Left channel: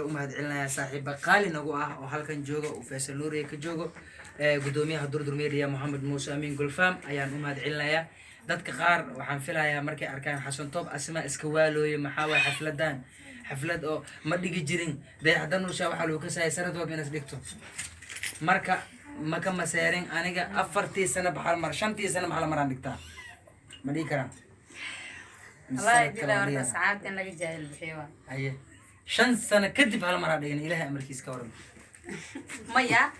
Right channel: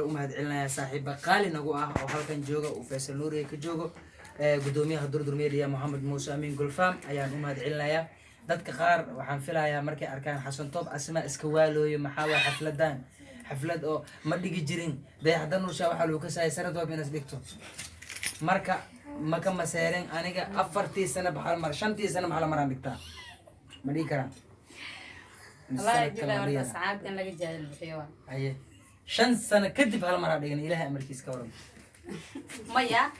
umahad celinaya saaxiiba qaali nagu ah oo halkan jooga oo Faisal Nuuriye ka joogo gudoomiyaha Durdur Media Mohamed Muuse Amin Gulfam ayaan umahad celinaya dadka qaar waxaan filayaa markay arkaan Xasan Toob asma iska waalooye maxaa way xaflad oo ma dhigi jirin dayaxdan usha waxa lagu kasay sanad walba inaad dhigto marka maka maseerin aniga 4 sano baxal mar 5 sano maxal maraan dhigtaa ma dhigi karaan الله يجزاه ورنا سعادة نجي جاهل بحيوان. أيه. 5 سنة كذب على مرة ديجن إلها أمريكيس كورم. مايا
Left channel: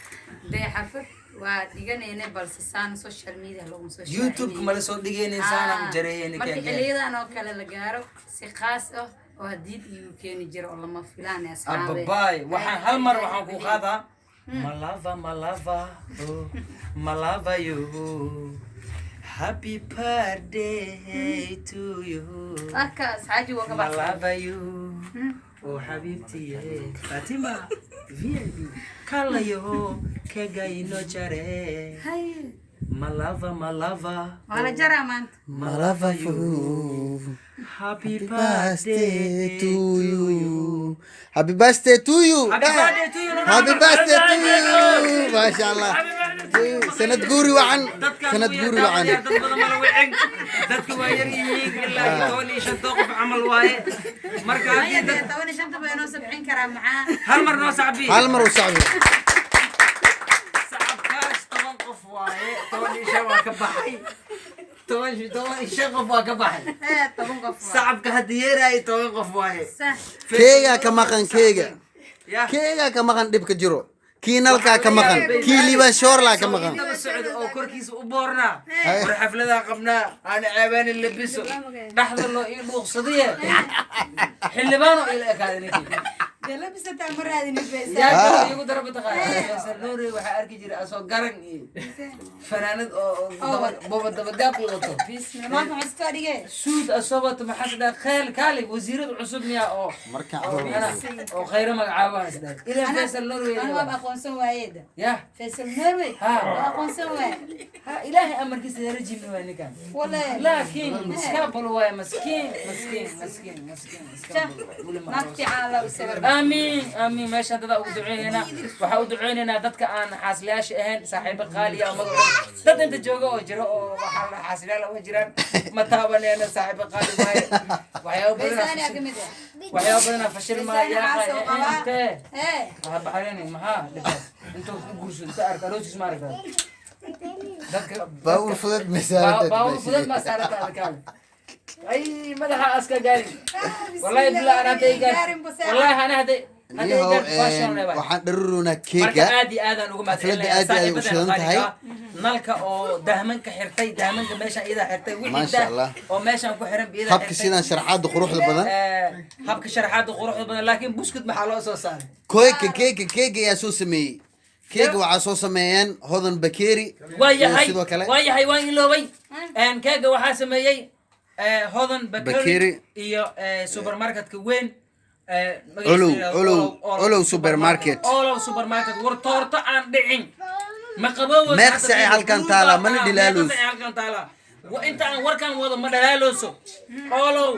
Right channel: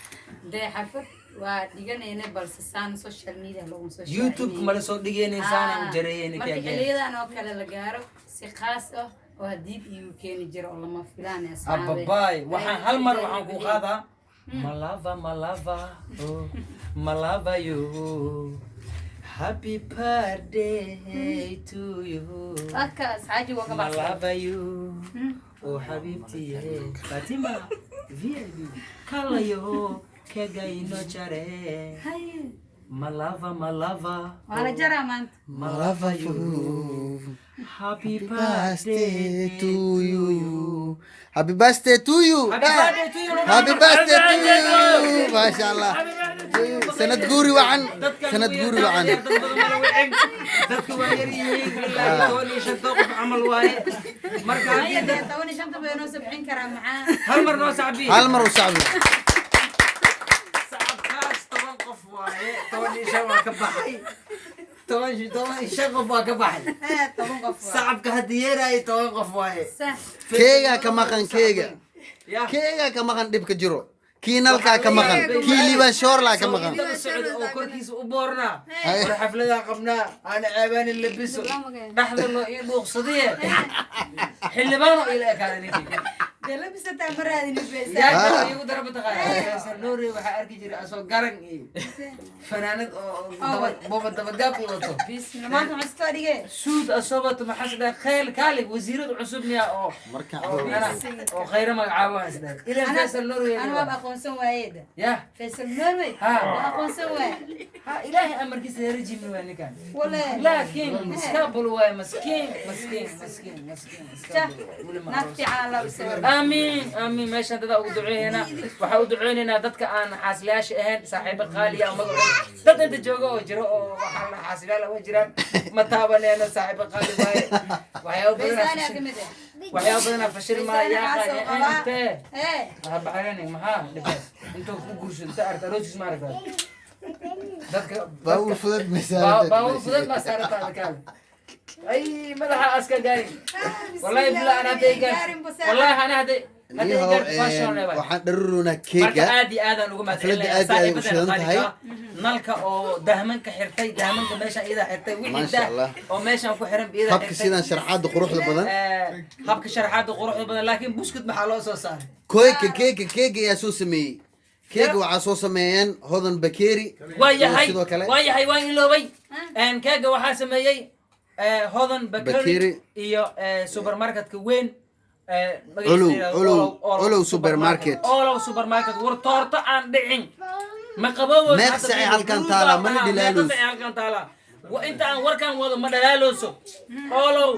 ده حفظ وديجن هنا بالسان سوشيال ميديا لهم سوشيال. يوتيوب كمال صوت ديجن إنسان جريه إنك يا جماعة. مركي اللي أنا أكل الجارو سخاصة وهديد يمكن يجرى الله ما فلان يا سلام. أبا باي وحن هالمر وحن كوخاذا. ملافا ملافا يو. Happy birthday to you. أكاس عادي وقبل. I love you. Oh حبيبتي فاطمة VIP. كلا يو كجاي نوشرة. هاي. ملافا. وأنا جرى مان. ملافا you. Happy birthday to you. Happy birthday to you. Happy birthday to you. Happy birthday to you. ما شاء الله. سند قوري وعن سند قوري وعن dadku waa yar yihiin ilaa tooni shan toqof amal waaye marka هاي تواني شنطة بينو 70 كرام معاه. hal mar noo sacbi هل مرة وصعبة sacabkaas toban qof waaye tooni shan waa ka baxay toban shan qof waa ka baxay هاي طبعا قفوا. sacabka hadii yeeray toban qof waaye صح. كيغا كمقن كيغا ya كيغا كمقن دبك جرو كينالكا كمقن كيليبا شورلا كمقن daba socod oo korkiisa u boornaa war xaflada qabnaa aan ceebaan in labiso dhaxda loo ii dhuuqsadiye xildhibaan oo ila ekaadinay ده لبست مرة هذه نفسها. yaa igu daraba taqaan Faisal Nuuriye waxaa arki jiray asoo garan iyo fanaanad oo booba dabagaab u wato بسم الله ما كنت أستوى suud asoo wato maxaa dhaa khayl kaalig wasiirada cusub miya oo oo khayra magacaabaan isdhaa ilaa Faisal Nuuriye أنا ما بقون سوايد. ya فيصل نوري. ها. بقون سوايد. ha ilaahay amarkiisa yarajim waa ninkan ولا. laakiin iskaabul waa maskiin نفتي على بسبب. آمين ماشي هذا أود دعينا وحاول دعينا دتك أنا حاسلاش أهل صاحب قالية ومقعد دت أنت جوجو وجرو وحنا حاسلا وجران متابعني أنا صاحب قالي وحياو بيساني بدنا أكمل. وحياو بدنا فشل ما بيساني عاصو يا قبا. أنت إيه. بحريني ما ها لبس أنت تقولش أنت أرك روجس ما أرك دتك باول فضل مسافة باول فضل ما صارت هذا كان أي ملها أسكا جاري والله بلا أنا ديجا والله أنا هدي waxaan dharuruunaa marka keega aad iyo aad aan ugu mahadcelinayaa saaxiibada qaaliga nalka oo dahmanka xirtay dahmanka meesha ida xirtay wixii Masha Allah. oo meeshan ku xiran ida habka sidaan sharaxaada quruxda badan habka sharaxaada quruxda badan laakiin buskut maxaa loo soo saaray keega ayaa soo sameeyey keega waxaa soo sameeyeen hodan bakeeri sidoo kale waayahay waan iloobay keega waxaa sameeyey hodan bakeeri Bakeeri. iyo supermarketka weyn Olow supermarket. Olow supermarket war toorto aan dhicin ma qabowdo Meeqsa ay halkan taala, mana dhilaalooso. meeqsa ay halkan taala wa inta aan warkan wado ma dhalaalooso Olow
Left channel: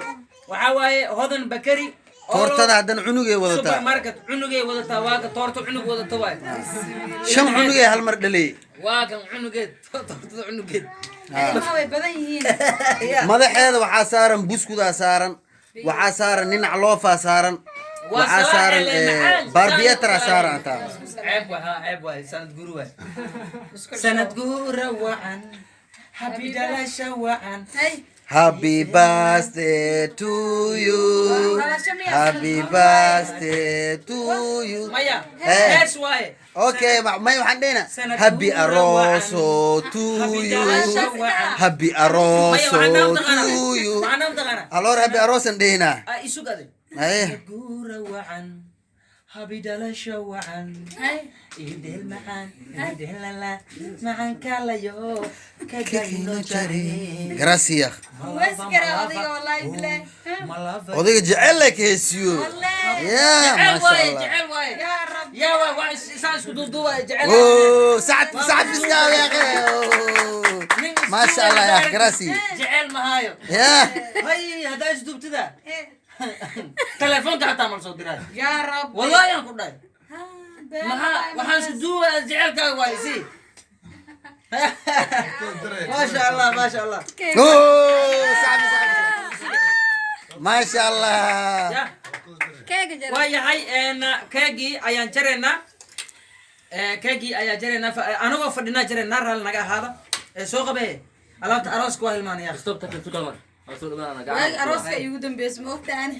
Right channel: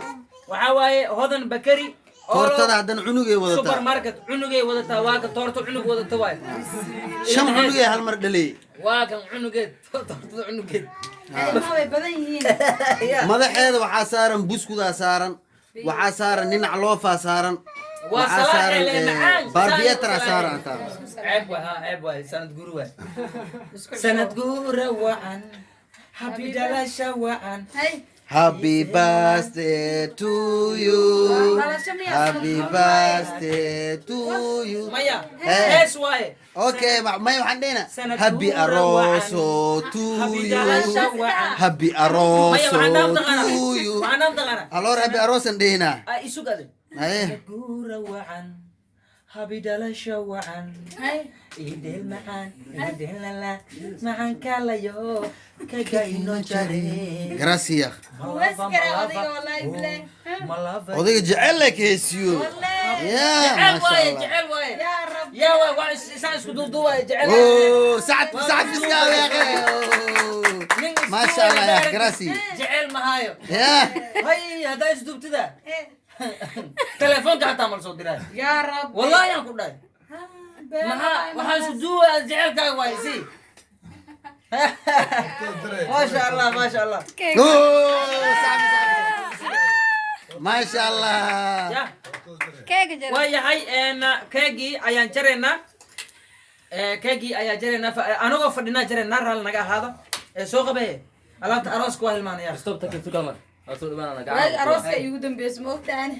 waxa waaye hodan bakari toortada haddana cunugay wadataa supermarket cunugay wadataa waa ka toorto cunug wadata waay 5 cunugay hal mar dhalay waa kan cunugeed toortada cunugeed ما هو بدنيين. madaxeeda waxaa saaran buskudaa saaran waxaa saaran ninac loofaa saaran waxaa saaran barbiyatara saaran taa عيب واي سند قورة وعن حبي دلاشة وعن هاي. happy birthday to you happy birthday to you مايا إيه. ايش واي okay may waxaan dhehna happy aroso to you happy aroso to you وانا مدغنا alor happy arosan dhehna ايشو قال ايه سند قورة وعن حبي دلاشة وعن هاي. إيديل معان إيديل لا معان كلا يو كجاينو جاري gracias واسكر أودي والله بلا. odayga jecel leh heesiyo والله. ya ma sha Allah جعل واي يا رب. يا واي سانس كدودوا جعل oh sacad fiskaaw ya akhi ma sha Allah ya gracias جعل ما هايو ya هاي هذا ايش دوبت ذا إيه. تليفونك حتى عمل صوت دراي يا رب والله يا كوداي waxaan sujuuga jecelkaaga waa isii maasha allah maasha allah صعب ما شاء الله ya keega jira waayahay keegii ayaan jaraynaa keegii ayaa jaraynaa anagoo fadhinaa jaraynaa raali naga ahaada soo qabee alaabta arooska waa hilmaanaya waagi arooska igu dambeysay ma ogtaane